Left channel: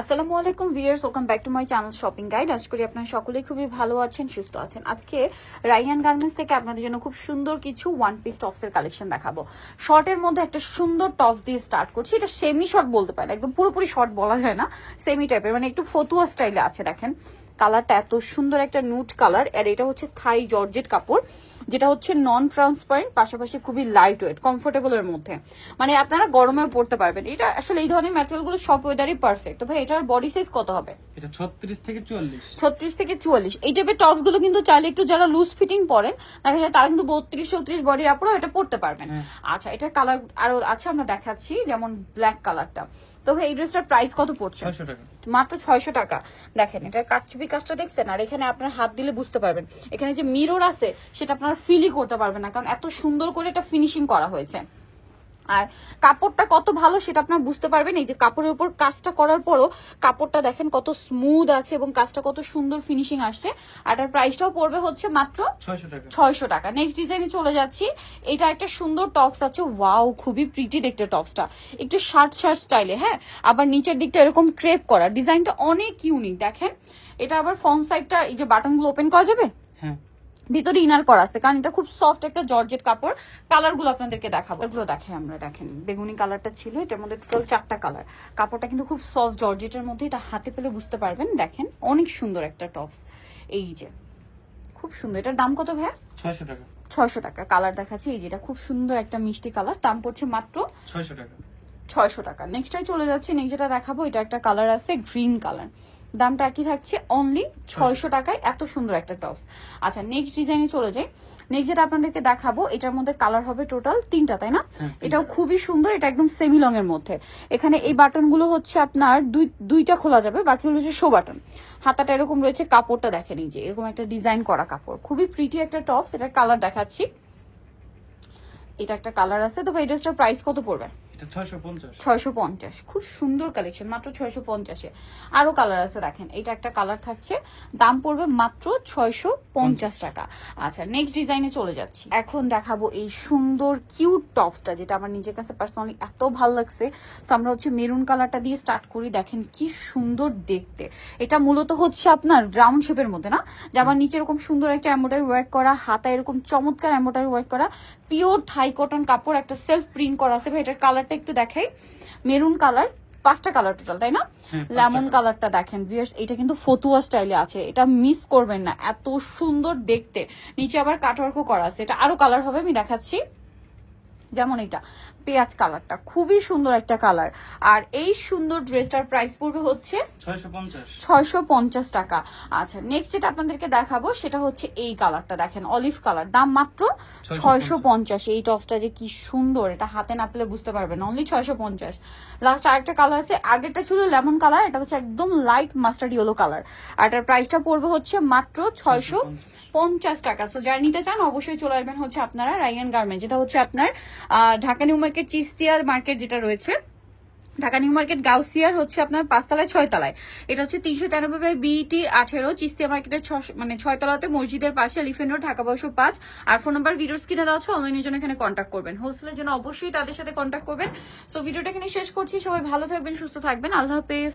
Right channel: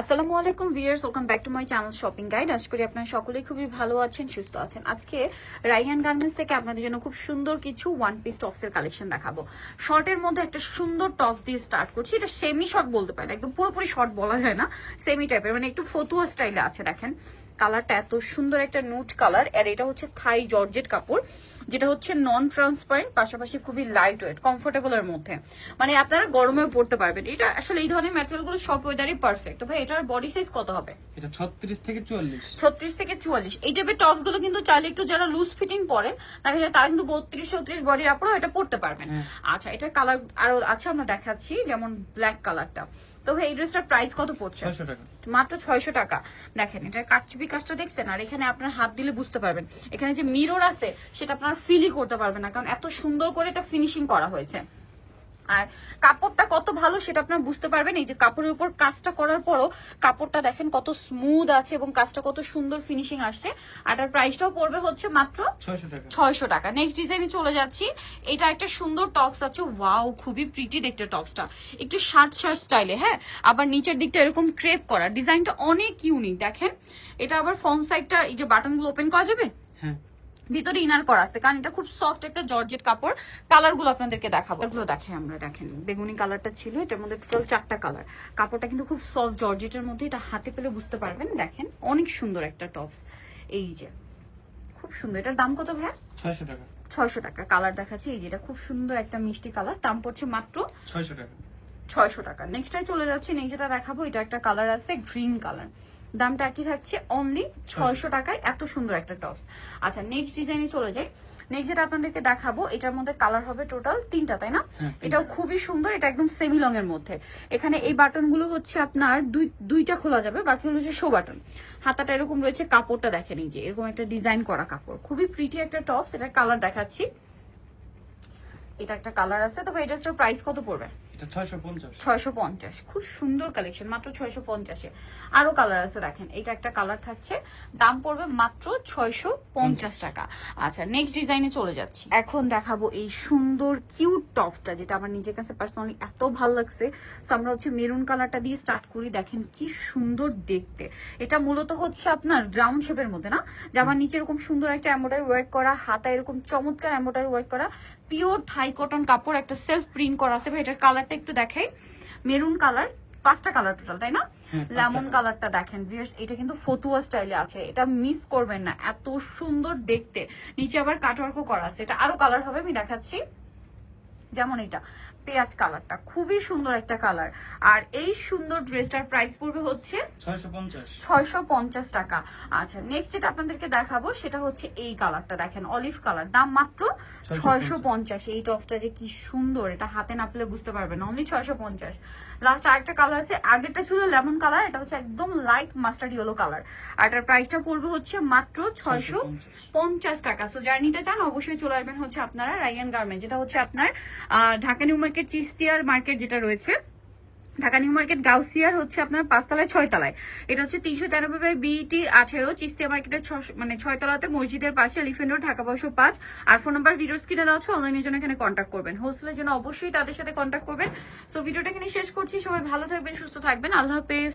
আসসালামু আলাইকুম viewers, welcome back to my channel shopping guide. আশা করি আপনারা সকলেই খুবই ভালো আছেন, সুস্থ আছেন। আজকে রাইহান গার্মেন্টস থেকে আপনাদের জন্য খুব সুন্দর কিছু ওয়ান পিস টপসের কালেকশন দেখাবো। শর্টের মধ্যে একটা সুন্দর টপস দিয়ে স্টার্ট করছি। এটা সেমি শর্ট বলতে পারেন, একদম পুরোপুরি শর্ট বলা যায় না, সেমি টাইপের, মানে একটু ফতুয়া স্টাইলে আছে। দেখেন কালারটা এত সুন্দর, একটা নুট কালার। আর এটা হচ্ছে থাই জর্জেট কাপড়, যেটা হচ্ছে নন ট্রান্সপারেন্ট, পাশাপাশি খুবই লাইট ওয়েট, কমফোর্টেবলের মধ্যে, মানে আপনারা গরমেও পড়তে পারবেন। এটা আসলে এই ধরনের ম্যাটেরিয়াল গুলো সব ওয়েদারই পারফেক্ট। ভাই এটার বডি সাইজ কত হবে? এটা 36 থেকে 44। 36 থেকে 44। এই টাইপের টপস গুলো কিন্তু চাইলে একটু যারা লুজ ফিটিং পরে তারা কিন্তু 32 34 বডির আপুরও এটা পড়তে পারবেন। আচ্ছা, এটা কালার আরো আছে, আমরা দেখাচ্ছি, যেমন ব্ল্যাক কালারটা। তো এই ড্রেসটার প্রাইস কত পড়ছে? 600 টাকা, মাত্র 600 টাকা। দেখেন এটার কাটচুপি কাজটা দেখছেন, আর এখানে আপনার হাত দিলে বুঝতে পারবেন এখানে যে মিরর আছে সেটা আপনারা ফিলই করতে পারবেন না, কারণ এত সুন্দর করে এটা ফিনিশিং করা হয়েছে। আর কাপড়টা কত ভালো সেটা আপনারা বুঝতে পারবেন এই যে কাপড়ের উপর কাজটা করার পরও কাপড়টা দেখেন কত স্মুথ আছে এবং কাজটা কত সুন্দর ফিনিশিং আসছে। আর এটার প্রাইসটাও পড়বে হচ্ছে মাত্র 600 টাকা। নেক্সট ডিজাইনে চলে যাচ্ছি। এটা একটা সুন্দর টপস আছে, ওয়াও খুবই প্রিটি দেখতে টপসটা, একটু শার্ট স্টাইলে। হ্যাঁ, আবার নিচের দিকটা এরকম ক্রেপ করা, ডিজাইনটা অনেক ইউনিক। দেখেন এটা আবার ফ্রন্ট সাইডটা এই যে বাটনগুলো ওপেন করা যাবে, হ্যাঁ ভিতরে ইনার করা আছে, কারণ এটা খুব সফট একটা জর্জেট কাপড়। কালার গুলো আপনাদেরকে দেখাবো, এগুলো দেখে আমরা। দেখেন বেগুনি কালারটা ছিল, এটার মধ্যে টোটাল 4টা কালার। কাপড়টা কিন্তু খুব সফট জর্জেটের মধ্যে, এটা হাতে পেলে বুঝতে পারবেন। দেখেন অনেক সুন্দর একটা টপস, এই যে খুব সুন্দর। এটার দাম কত ভাই? 600 টাকা। 600 টাকা। কালার দেখাচ্ছি, এই যে এটা খুব সুন্দর একটা মিষ্টি কালার, দাম পড়ছে মাত্র 600 টাকা। 600 টাকা। নেক্সটটাই চলে যাচ্ছি। নেক্সট যেটা দেখাবো, এটা একটা কালার আছে গ্রিন কালার, দামটা একই থাকছে অনলি 600 টাকায়। এত সুন্দর একটা টপস। আচ্ছা, নেক্সট ডিজাইনে চলে যাই। নেক্সট যেটা আপনাদেরকে দেখাবো, এটার মধ্যে কালার হবে টোটাল 3টা, তাই না? এটাও খুবই সুন্দর, এটা একদম সেমি লং এর মধ্যে। এখানে এই বাটন গুলো হচ্ছে আপনার দুইটা খোলা যাবে, বাকি হচ্ছে শো বাটন। হাতাটা এরকম রয়েছে, কাপড়টা দেখেন এই যে এরকম একটা ডিজাইন করা কাপড়, খুবই প্রিটি একটা টপস। এটার কালার দেখাচ্ছি, এটা একটা কালার আছে। তো এই ড্রেসটার প্রাইস কত পড়বে? 650। খুব সুন্দর কালেকশন, মাত্র 650-এ। আরো কালার আছে, দেখেন এটা একটা কালার থাকছে, দাম পড়বে মাত্র 650 টাকা। আচ্ছা, নেক্সট ডিজাইনে চলে যাচ্ছে। এখন দেখাবো এই সুন্দর কিউট টপসটা, যেটা আমার নিজের কাছে পার্সোনালি এত ভালো লাগছে। সো আমরা হচ্ছে মেরুন কালারটা দিয়ে স্টার্ট করি। দেখেন কি সুন্দর দেখতে। এটা মূলত হচ্ছে আপনার রাউন্ড শেপের মধ্যে, না যে আমার নিচে এরকম সুন্দর একটা এমব্রয়ডারি ওয়ার্ক করা, হাতা এরকম চমৎকার এমব্রয়ডারি ওয়ার্ক করা, পিওর থাই কটন কাপড়, একটা সেলফ প্রিন্ট করা আছে। ভাই এটার কালারটা একটু দেখাই, মেরুন কালার, 5টা কালার টোটাল, তাই না? লেমন কালারটা দেখেন ভিউয়ার্স, এটা কিন্তু ফতুয়া স্টাইলে আছে, এটা মিস করবেন না, এত সুন্দর দেখতে। নিচে আবার কাটওয়ার্কও করা আছে। এটা আরো কালার হবে, আমি দেখাচ্ছি। যেমন এটা পেঁয়াজ কালারটা খুবই সুন্দর একটা কালার। আর এই সুন্দর ড্রেসটার প্রাইস পড়বে হচ্ছে 650 টাকা। আচ্ছা, নেক্সট যেটা আপনাদেরকে দেখাবো সেটা হচ্ছে এই কালারটা, দেখেন অলিভ কালার, দাম মাত্র 650। এই টপসটা যে কি সুন্দর, এটা হাতে না পেলে বুঝতে পারবেন, অনলি 650। লাস্ট আরেকটা কালার আছে, আগেরটা ছিল লেমন কালার, এটা হচ্ছে একদম লাইট মাস্টার্ড ইয়েলো কালার। আর এটার প্রাইসটা পড়বে হচ্ছে মাত্র 650 টাকা। সো যারা নিতে চান অবশ্যই চলে আসবেন হচ্ছে আপনারা রাইহান গার্মেন্টস, যেটা হচ্ছে আপনার ঢাকা নিউ মার্কেট চিস্তিয়া মার্কেট যেটা রয়েছে, ঢাকা নিউ মার্কেট গাউসিয়ার হচ্ছে আপনার 5 তলায় 6 তলায়। এটা হচ্ছে 393/BT 18 চিস্তিয়া মার্কেটের 6 তলাতে, মসজিদের পাশে, এলিফ্যান্ট রোড, ঢাকা 1205। আর ফোন নাম্বার ভিডিওর স্ক্রিনে দেওয়া আছে, অনলাইনের জন্য এখানে কন্ট্যাক্ট করবেন। হোলসেলের জন্য অবশ্যই তাদের সাথে কন্ট্যাক্ট করবেন। সো ভিডিওটা এখানে শেষ করছি। সবাই ভালো থাকবেন, সুস্থ থাকবেন, আল্লাহ হাফেজ।